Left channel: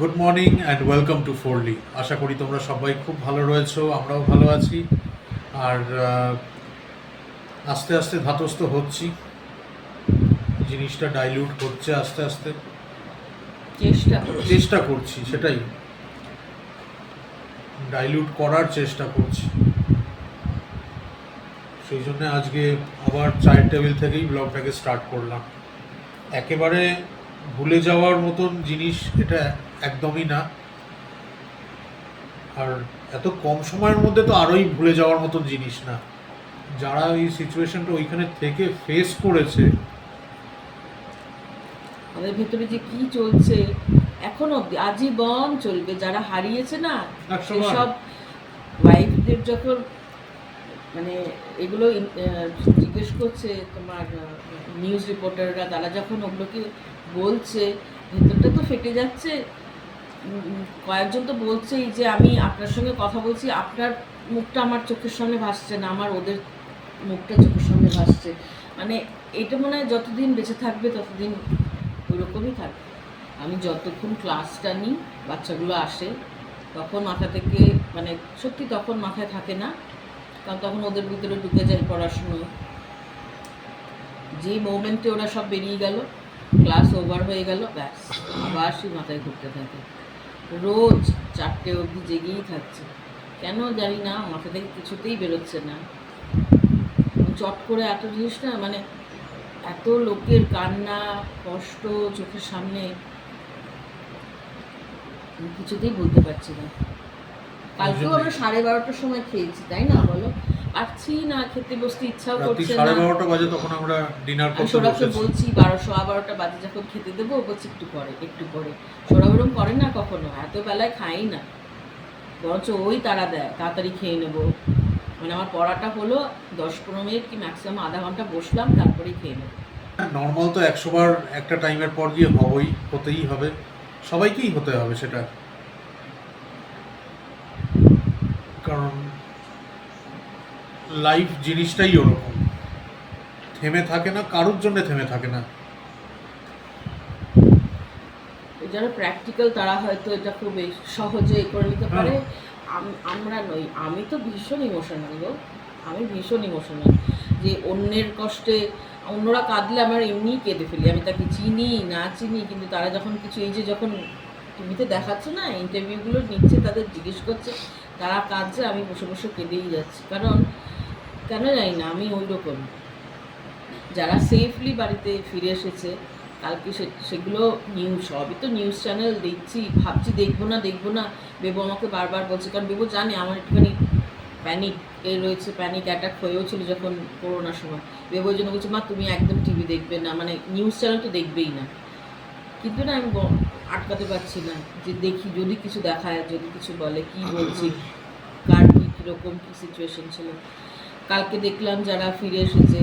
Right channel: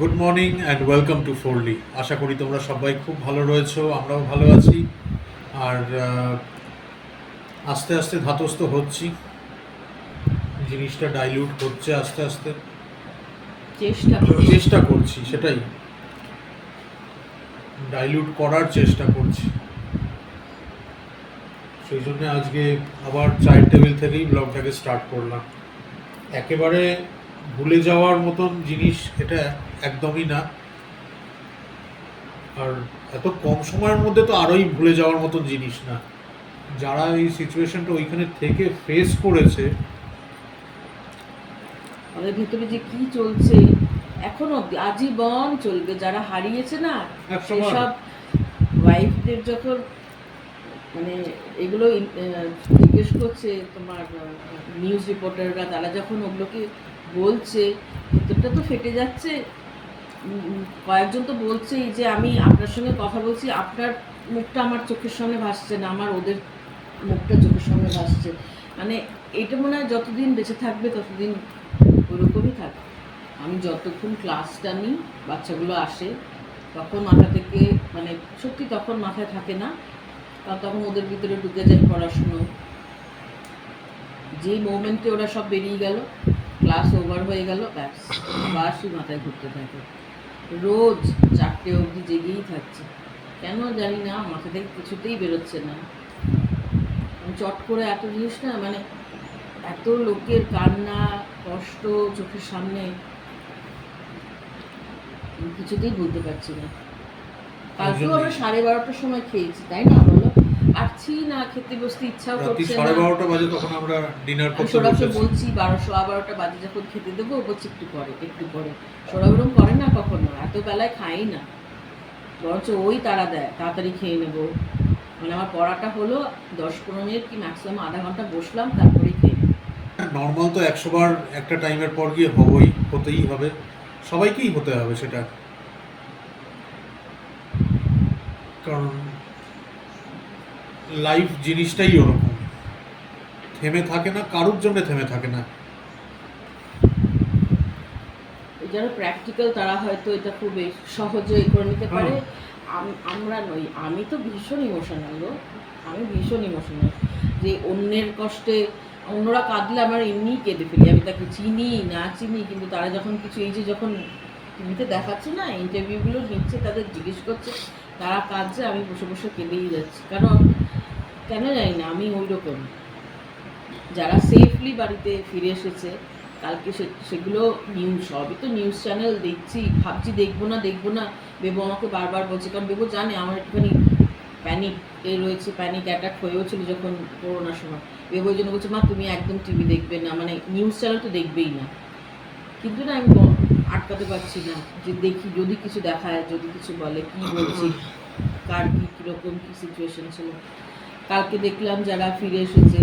Good morning and welcome to ফোরলি। আশা করি তোমরা সবাই খুব ভালো রয়েছো, আমরাও ভালো আছি। আর আস্তে আস্তে ধাতস্থ হচ্ছি, জিনিসটা ডাইলিউট হচ্ছে আস্তে আস্তে। চেষ্টা করছি, সেটাই, ডাইলিউট করার চেষ্টা করছি। সেই জন্য আজকে আবার চায়ের টেবিল থেকেই ব্লগটাকে স্টার্ট করলাম। একেবারে ভুলে যাওয়ার মতন জিনিস এটা একদমই না, আর এত কম সময়ের মধ্যে তো আরোই ভুলে যাওয়ার মতন জিনিস না। যারা এই সিচুয়েশনটা ওইখানে থেকে ফেস করেছে, আমাদের ভেতরে যে কি চলছে এখনো আজীবন চলবে। যারা হারিয়েছে না, সেসব ওয়াইফদের যখন মানে এগুলো জিজ্ঞেস করছে তোমার নিউজ রিপোর্টাররা, তারা যখন ওগুলোকে বলছে, ভেতরটা তো ফেটে যাচ্ছে। কয়েকজন তো বলছেই যে আমি আপনার সঙ্গে কথা বলছি, আপনার মুখটা আমার চোখের সামনে ভাসছে না, আমার ওদের মুখটা চোখের সামনে ভাসছে। মানে এটা মনে হয় যতদিন বেঁচে থাকবে ততদিন ওরকমই থাকবে। আমি যতক্ষণ ক্লাসটা নিই, বাচ্চাগুলো আসে, তখন মাথা থেকে মানে সত্যি তখন মাথায় থাকে না, কারণ তখন ওদের ভিতরে ঢুকে যায় পড়াশুনো। যেই মোমেন্টে ওরা সব বেরিয়ে গেল, ক্লাস ওভার হয়ে গেল, ব্যাস আবার সেই মাথায় ঘুরতে থাকে। রোজ 4টে অবধি জেগেই থাকছে, কেন জানি না, মাথা থেকে কিছুতেই বেরোচ্ছে না। চট করে এত জিনিস না, মানে এত লোকের কান্না কষ্ট চোখের সামনে, কিছুতেই বলতে পারছি না। কালকেও আমরা 12:30টার সময় খেয়েছি, তাই না বলো? আছি না, খেতে বসতে ইচ্ছাও করছে না। 12:30 বাজে তখন আমরা ডিনার করতে সৌরভকে বসেছি। বলছি 12:15 বাজে যখন খেতে দেবো, বলছি একটু পরে একটু পরে। সৌরভ এরকম করে না কখনো, এত বেলায় খাই না, বরঞ্চ ওই তাড়া দেয় তাড়াতাড়ি খেয়ে নেবো। মানে আমার পড়াটা হলো 10-15 মিনিট কি ম্যাক্সিমাম আধা ঘন্টা বসলাম, তারপরেই খেয়ে নেবো। নর্মাল তো 100 বার একটা টাইমের পর গিয়ে হতেই হবে, সবাইকেই হতে হবে সেটা, কারণ লাইফ জিনিসটাই ওরকম, থেমে থাকে না, কারুর জন্য থেমে থাকে না। যারা প্র্যাকটিক্যাল তারা হয়তো এটা খুব সহজে করে নিতে পারে। আমরা নই, আমি তো ভীষণ ইমোশনাল গো, আমি ভীষণ ইমোশনাল। যে অন্যের কষ্টে অন্যরা কাঁদলে আমার এমনিই কেঁদে ফেলি, আমি তাকে চিনি না চিনি, কিন্তু তারা যখন কিছু, এই যে যখন টিভিতে দেখাচ্ছে না, ইন্টারভিউগুলো নিচ্ছে, তাদের জিজ্ঞেস করছে, তারা কাঁদছে, আমি বসে বসে কেঁদেই যাচ্ছি। কারণ কেন জানি না, আমি ওই রকম। যারা সেফলি বাড়িতে ফিরে এসেছে, কালকে সেগুলো নিউজ, সবই তো নিউজ চ্যানেল দেখছি, ভাবছি দেখবো না। বেবু আমাকে বারবার বলছে, কারণ বেবু জানে আমার একটুখানি প্যানিক রয়েছে, প্যানিক অ্যাটাক হয়েও ছিল যখন করোনার সময়। বেবু ওই জন্য বলছে, মা তুমি একদম টিভি দেখবে না, মানে নিউজ চ্যানেল তো দেখবেই না। কিন্তু না, আমি আটকাতে পারছি না, যে দেখি যদি কিছু দেখায়, যদি কিছু বলে, কি বলছে, কার কী কীরকম কী সিচুয়েশন ছিল। কালকে দেখলাম যারা ফিরে এসেছে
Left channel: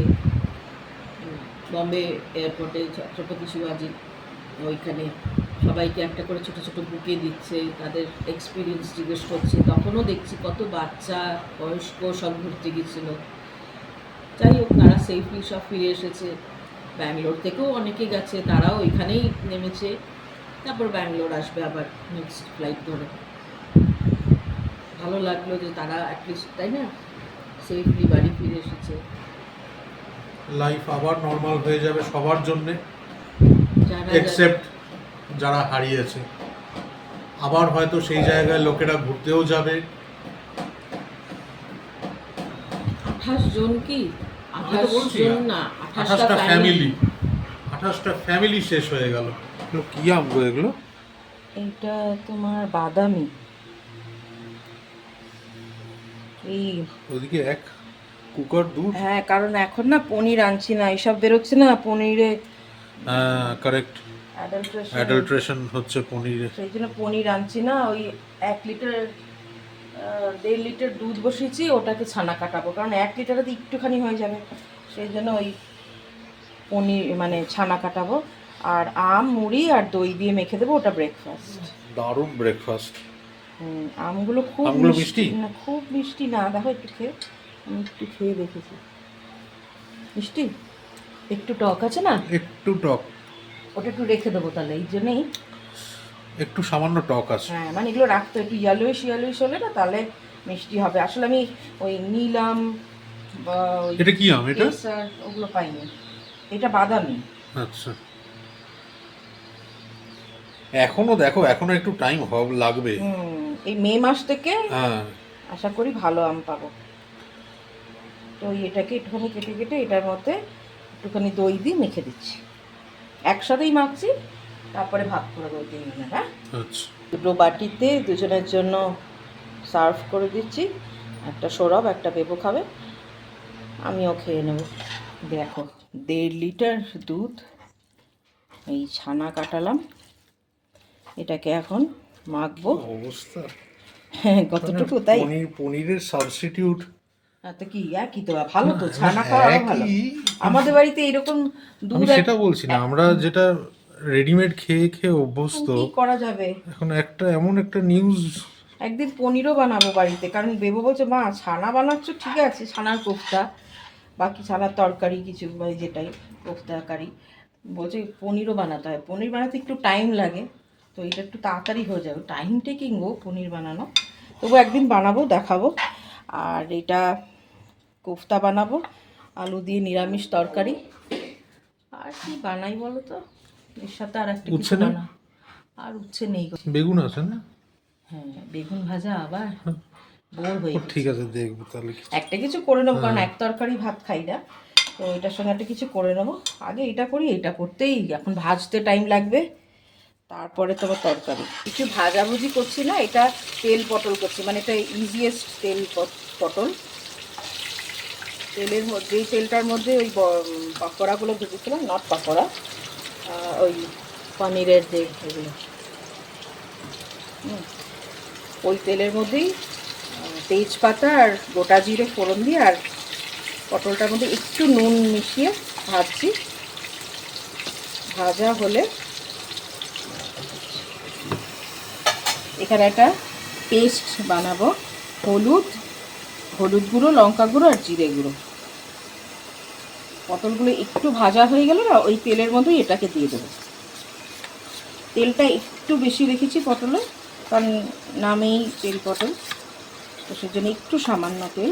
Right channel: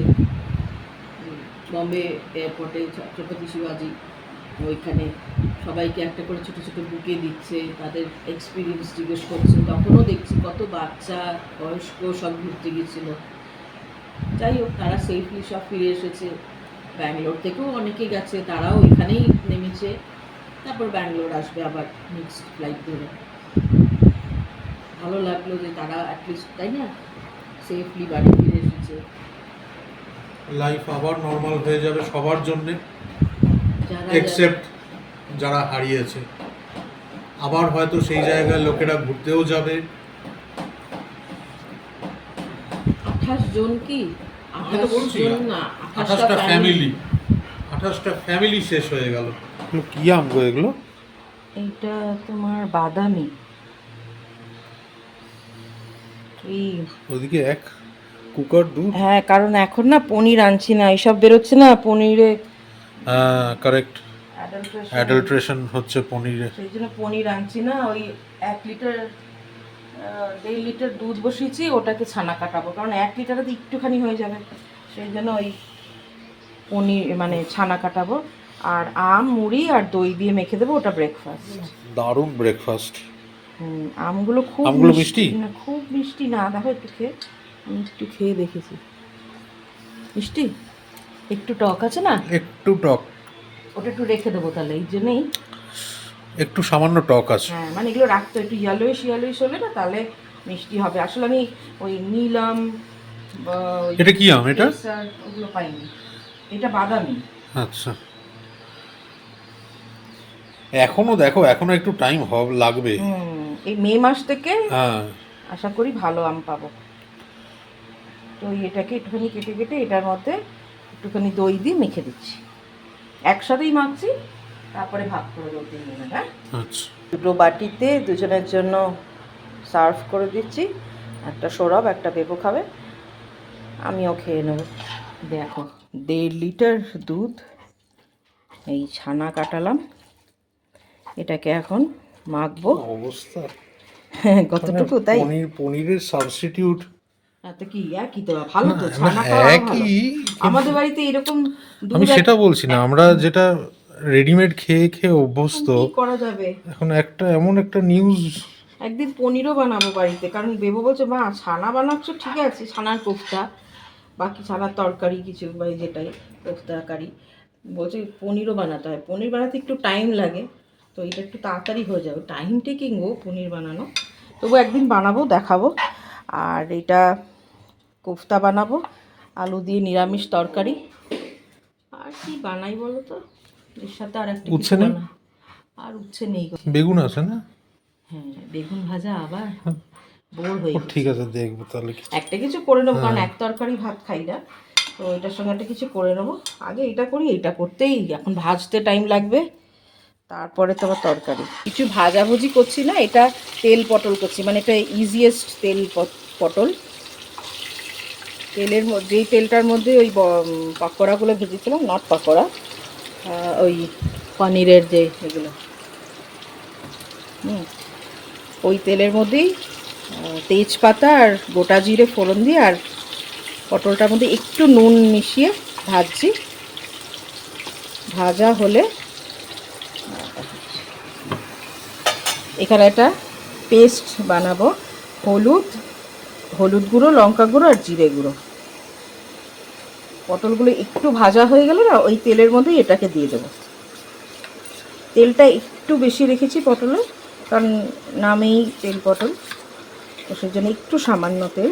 বম্বে এয়ারপোর্টে, ছত্রপতি শিবাজি, ওইখানে সবাইকে একটা করে ছোটো ছোটো বুকে দিচ্ছে, তাদের এক্সপিরিয়েন্স জিজ্ঞেস করছে। তখনও দেখছি কত বাচ্চা বয়স্ক সব ঘুরতে গিয়েছিলো। যাই হোক, তারা সেফলি সব ফিরে এসেছে। ব্যাঙ্গালোর থেকেও অনেকে গেছে, তারাও ওইখানেই নেমেছে, তারপর ব্যাঙ্গালোর আসবে আবার নেক্সট ফ্লাইট ধরে। ভালো লাগলো যে তারা অ্যাটলিস্ট, তাই না, সেফলি বাড়ি ফিরে এসেছে। লাইফ আবার নর্মাল হয়ে যাবে সবার জন্যে, এক্সেপ্ট যারা হারিয়েছে। আবার হয়তো সেই জায়গায় লোকেরা ঘুরতেও যাবে। 28 জন কি, 28 জন না, 28টা ফ্যামিলি, 28টা ফ্যামিলি শেষ হয়ে গেল। কি আম গো এগুলো? এইটা তোমার বাদামি, এই ওদিকে এক কুকার দুধ। হ্যাঁ, কারণ এখন না পনির আনছি না, এইসব বেরোচ্ছে না পনিরে, কারেক্ট, অ্যাডাল্ট্রেশন হচ্ছে পনিরে, সেই জন্য পনির আনছি না। ওই 1 লিটার 1.5 লিটার দুধ বসিয়েছি, ওটাকে ছানা কাটাবো, কারণ 1 লিটারে একটুখানি হয়ে যাবে, সেই জন্য ওই পনির মানে ছানা কাটাবো। আর আম মুড়ি আর দই দিয়ে মেখে দেবো, ওটা ব্রেকফাস্ট। দারুণ ব্রেকফাস্ট। আমগুলো খুব মিষ্টি না, খুব মিষ্টি না, দেখো একটু খেয়ে, আমি একটু খেয়ে দেখেছি, মিষ্টি, একটু টক আছে না, একটু টক। ওটা একটু রেখে দেবো তাহলে, এই জন্যেই একটু সামান্য টক আছে। হ্যাঁ মানে এগুলো রাখতে একটু ইয়েলোইশ হলে না তাহলে মিষ্টি হবে। আসলে আমি ওই নীলম বা ওই এটা কি আম এটা? কেসার ওগুলো পাইনি, এটা বাদামি। আচ্ছা, এখনো দেখো এখনো একটু টাইম লাগবে। এই মে মাস থেকে হ্যাঁ, আশা করি ভালো আম পাবো। তো এটাকে একটুখানি কেটে কেটে এটার মধ্যে একটুখানি দই দিয়ে মেখে দিচ্ছি, একসাথেই মাখছি, তারপরে ভাগ করে দেবো 3 মিনিট। হ্যাঁ, আচ্ছা। দুটো বাটিতে দুজনের জন্য সার্ভ করে দিচ্ছি, একটা সৌরভ একটা বেবো খাবে, আমিও খেয়ে নেব। দেখো 1.5 লিটার দুধ, এই ছানা কাটালাম, এটাকে এখন মাখবো। অবস্থা কতটুকু তাই পনিরের সাবস্টিটিউট। তো কি একই তো, ভালো তো, ছানা খাওয়া ভালো। আমাদের বাড়িতে এরকম আমি দুধ সেটা বলছি না, আমরা যেটা রেডিমেড খেয়ে খেয়ে অভ্যস্ত, কি করা যাবে। এখন এমন একটা নিউজ। একদিন পনিরও বানাবো বাড়িতে, কারণ বেবো বলছে মা ছানা বানাচ্ছ ঠিক আছে, ছানার কোফতা বাকি ছানার তরকারি কিছু বা যেটাই কোফতা কারি, বলছে পনিরও বানাতে হয়, পনির বানাতে একটু টাইম লাগে, তো এটা একটু তাড়াতাড়ি হয়ে যাবে, টাইম টেকিং গো পনির বানানো, তবু একদিন বানাবো দেখাবো। আর এটা কোফতা বানাবো, আলু দিয়ে নিরামিষ তরকারি। আর কি বানাই বলো তো, এর সাথে আর একটা কিছু বানা, আর উচ্ছে নেই গো। বেগুন আছে না? হ্যাঁ বেগুন ভাজা আবার বোর হয়ে গেছে। ঠিক আছে দেখবো তাহলে একটা কিছু করে নেবো, কারণ এক তরকারি ভাত খাই না, তো এটার সঙ্গে একটা কিছু করে নেবো। আগে এটা করি, এটা করতেই এখন ভাজতে টাইম লাগবে, তারপরে তো আবার তরকারি। কিছু ভাজাভুজি করছি না, এটা তেল পটল করছি, মানে এটা ইজিয়েস্ট তেল পটল। তেলের মধ্যে, যেই তেলটার মধ্যে ওই পাকোড়াগুলো ভেজেছিলাম, নট পাকোড়া, ওই পনিরের যে এগুলো, ওই তেলের মধ্যেই তেজপাতা আর গোটা জিরে ফোড়ন দিয়ে আর পটলটার মধ্যে একটু নুন মিশিয়ে ভাজছি। ভাজা হলে এখানে একটা পেস্ট বানাবো, হলুদ গুঁড়ো, লঙ্কা গুঁড়ো আর জিরে গুঁড়ো। পটলগুলো একটু ভাজা হয়ে গেলে না ওই তেলের মধ্যেই এটাকে দিয়ে দেবো। তেলটা একটু বেশি রেখেছি পটলে, কারণ নামেই তেল পটল, তো সেই জন্য একটু সামান্য তেল।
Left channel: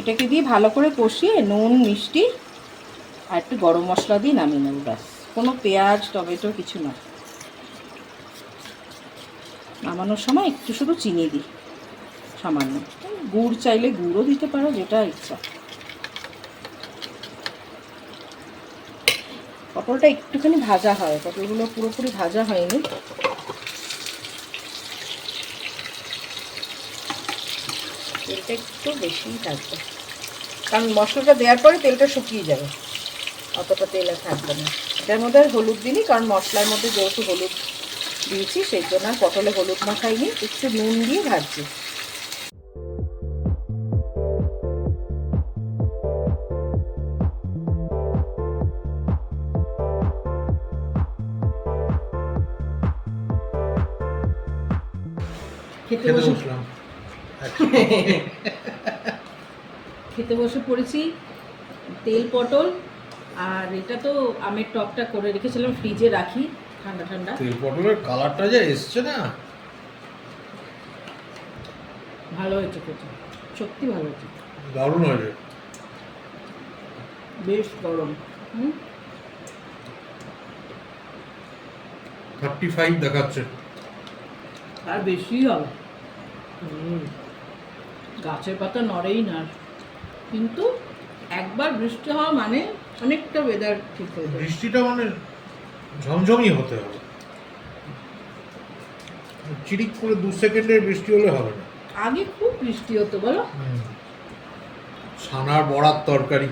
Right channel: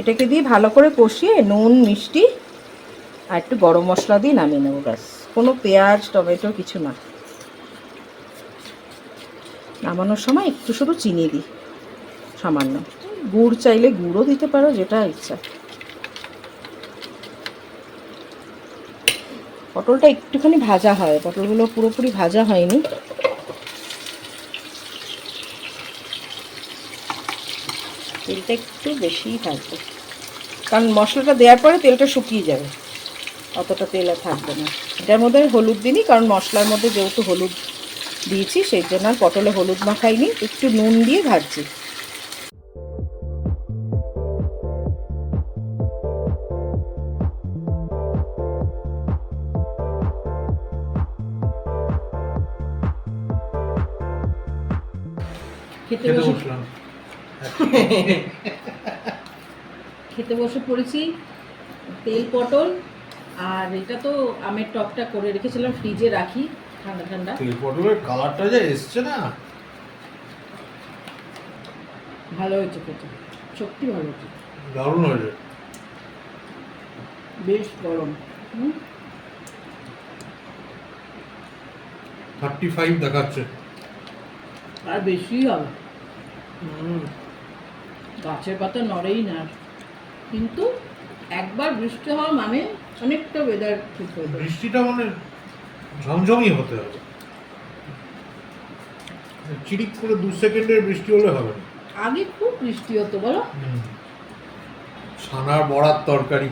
এটাকে দিয়ে ভালো করে কষিয়ে নুন মিষ্টি আর একটু গরম মশলা দিয়ে নামিয়ে নেবো, ব্যাস। কোনো পেঁয়াজ টমেটো কিছু না। নামানোর সময় একটু শুধু চিনি দিই সামান্য, গুড় চাইলে গুড়ও দিতে পারো, যেটা ইচ্ছা। পটলটা একটুখানি ভাজা হয়, পটলগুলো পুরোপুরি ভাজা হয়নি। তেলটা একটু বেশিই থাকবে, কারণ মশলাটা দেওয়ার পরে তেলটা শুকিয়ে যাবে, অতটা তেল আর থাকবে না। এটার মধ্যে আর হলুদ দিইনি, কারণ মশলার মধ্যে যেহেতু হলুদ দিয়েছি সেই জন্য আর পটলে হলুদ মাখাইনি, একটু নুন দিয়ে ভাজছি। খেতে বসে পড়েছি, তেল পটল, আর এটা তো আমের টকটা করে রেখেছিলাম ফ্রিজে রাখি, ঠান্ডা ঠান্ডা। তেল পটলের কালারটা যা এসছে না, ভালো হয়েছে খেতে, সত্যি ভালো হয়েছে, দারুণ হয়েছে। বেশ গরম। 35 দেখাচ্ছে, আর বেশি হবে, গাছের পাতা নড়েই না, কিন্তু একবার বৃষ্টি হওয়া মানে অনেকটা ওয়েদার ঠিক হয়ে যাবে। বৃষ্টিটা মানে ঝমঝমই হতে হবে, চিরিক করে 2 সেকেন্ডের বৃষ্টি হলে হবে না। আগে খুব বৃষ্টি হতো বলো। ছানার বড়ার তরকারি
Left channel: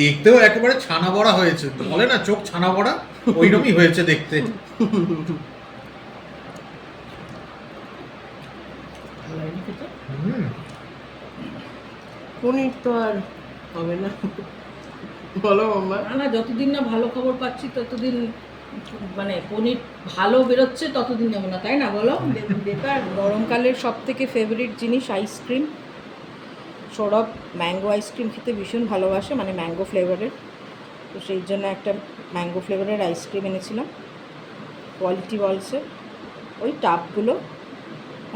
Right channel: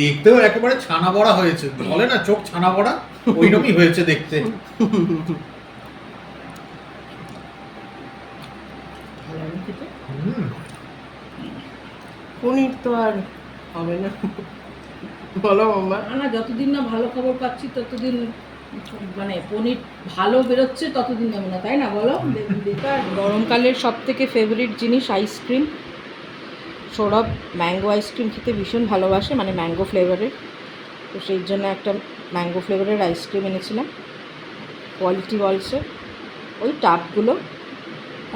দেখতেও একেবারে ছানা বড়া হয়েছে, বলে না চোখ ছানা বড়া, ওইরকমই হয়েছে দেখতে। পনির তো আর হবে না বলো বাবা, না যতদিন না ভালো খবর পাচ্ছি ততদিন, মানে পনির ভালো বেরোচ্ছে ততদিন যাবো না, তাই না বলো। বেকার। গরমকালের সব থেকে ফেভারিট জিনিস আইসক্রিম। সৌরভ ম্যাঙ্গো আইসক্রিম খেতে ভীষণ ভালোবাসে, মানে ম্যাঙ্গো ফ্লেভারের, তো সেই জন্য একটা ম্যাঙ্গো ফ্লেভারের আইসক্রিম এনেছিলাম। কোয়ালিটি ওয়ালসের ওই টাপগুলো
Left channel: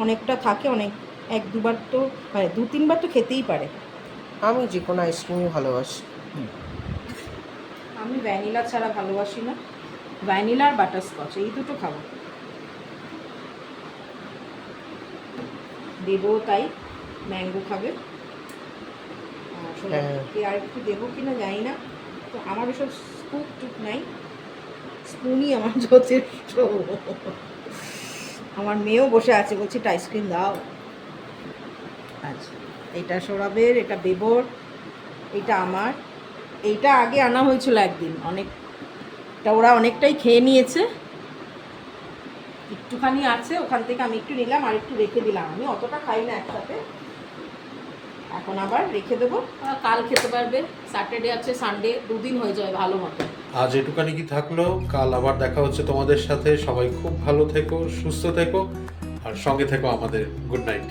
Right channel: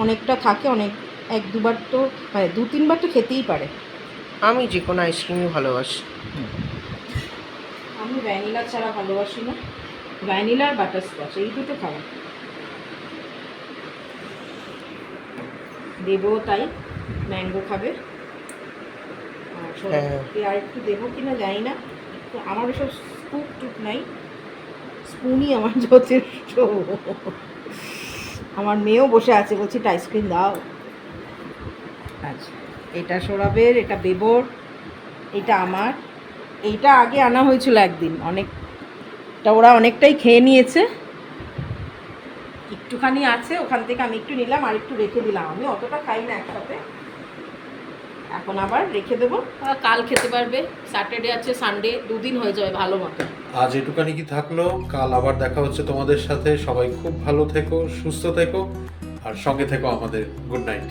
অনেকটা থাকে, অনেক 1-2 বার তো মানে 2-3 বার তো খেতেই পারে। আমি যে কোনো আইসক্রিমই ভালোবাসি। আমি ভ্যানিলা ছাড়া ভালোবাসি না, ভ্যানিলা আর বাটারস্কচ এই দুটো খাবো। দেবো তাই, ম্যাঙ্গো খাবে। হ্যাঁ। আর একটু দেবো কিনা জানি না, তো আমার ওসব স্কুপ টুপ নাই, স্পুনই আমার যথেষ্ট। আমার মেয়েও বসে আছে, বলছি একটা আইসক্রিম দাও। আচ্ছা, এটা সৌরভের, এটা বেবর, এটা আমার। এইটা আগে আনা হয়েছিল একদিন, অনেকটা ওরা অনেকটাই খেয়ে নিয়েছে, একটুখানি আছে, ওখান থেকে আমি একটু নিলাম আর একটু রেখে দিলাম। আমি অতটা খাই না একসাথে, এখন আবার রেখে দেবো, কাল খেতে পারবে। স্যাটারডে আছে, সানডে, 2 দিন হয়ে যাবে ভালো মতো। আজ এটুকানি কি থাকলো, কাল আবার দেখা হচ্ছে তোমাদের সাথে। সবাই খুব ভালো থেকো, সুস্থ থেকো, আর সঙ্গে থেকো আমাদের। Good night.